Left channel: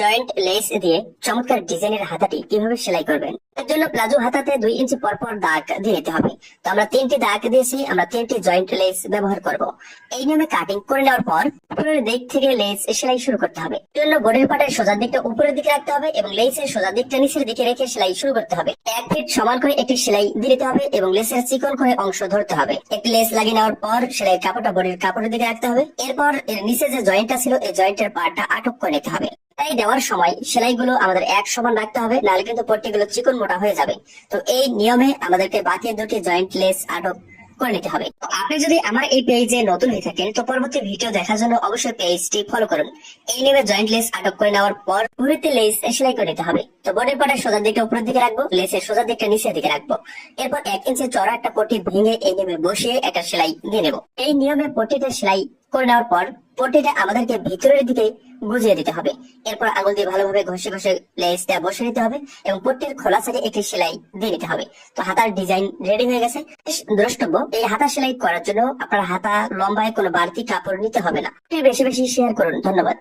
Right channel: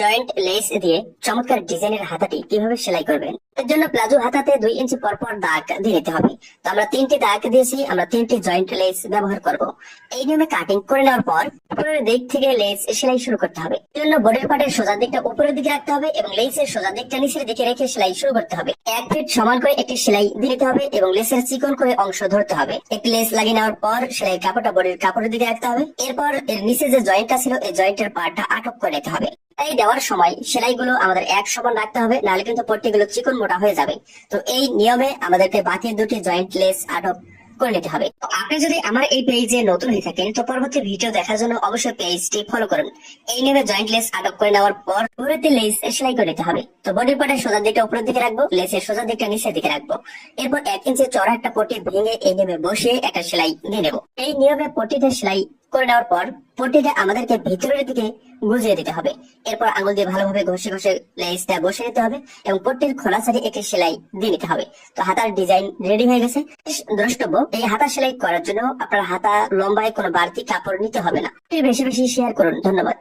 Joint less দিয়ে চমৎকার ডিজাইনের হাতাটি কিভাবে সেলাই করবেন। এর জন্য প্লাজো হাতাতে 2 ইঞ্চি পরপর দাগ দিয়ে দিতে হবে। তো আমরা 3টি দাগ দিয়েছি, আমরা 3টি জয়েন্ট লেস ব্যবহার করব। এই নিয়মে কাটিং করে নেওয়ার পর উপরের দিক থেকে লেস সেলাই শুরু করতে হবে। এর জন্য বডির পার্টের সোজা দিকটা উপরের দিকে রাখতে হবে এবং লেসের সোজা দিকটা নিচের দিকে রেখে সেলাই শুরু করতে হবে। 1 ফিট সমান করে একটি সেলাই দিয়ে দিতে হবে এবং লেসের চিকন করে অংশ ধরতে হবে। একটি লেস লাগিয়ে নেওয়ার পর সেলাই কাপড়টা বডির কাপড়ের দিকে রাখতে হবে। এরপর এর নিচে যে জয়েন্টটা ছিল এই জয়েন্টের পার্টটা আটক করে নিতে হবে। তাই দেওয়ার সময় সেলাইগুলো আমাদের এক সমান রাখতে হবে, নাহলে কিন্তু পট্টিগুলো চিকন মোটা হয়ে যাবে। তো এই নিয়মে আমাদেরকে বাকি দুটি জয়েন্ট লেস আটক করে নিতে হবে। তো আপনি যদি আমার এই পেজে নতুন হয়ে থাকেন তো পরবর্তী ভিডিও দেখার জন্য অবশ্যই পেজটি ফলো করুন। এই নিয়মে জয়েন্ট লেস আটক করে নেওয়ার পর ঘুরেতে লেস সেলাই করে নিতে হবে। তো বডির পার্টের সোজা দিকটা উপরের দিকে রাখবো, লেসের সোজা দিকটা নিচের দিকে রাখবো। এরপর 1 ইঞ্চি চড়া একটা পট্টি ভেঙে এই নিয়মে বসিয়ে একটা সেলাই দিয়ে নেব। এই নিয়মে পট্টিতে সেলাই করে নেওয়ার পর পট্টিটা আমাদেরকে ভিতরের দিকে গুজিয়ে দিতে হবে। এরপর আঙুল দিয়ে ভালোভাবে ঘষে ঘষে লেসটা বসে নিতে হবে এবং পট্টির খোলা সাইডে একটি সেলাই দিয়ে নিতে হবে। তো হাতার ডিজাইন রেডি হয়ে গেছে। দ্রষ্টব্য, এই হাতা সেলাই করার জন্য আপনার হাতা লম্বায় কোনো বাড়তি কাপড় নিতে হবে না। বেশি বেশি শেয়ার করুন। ধন্যবাদ।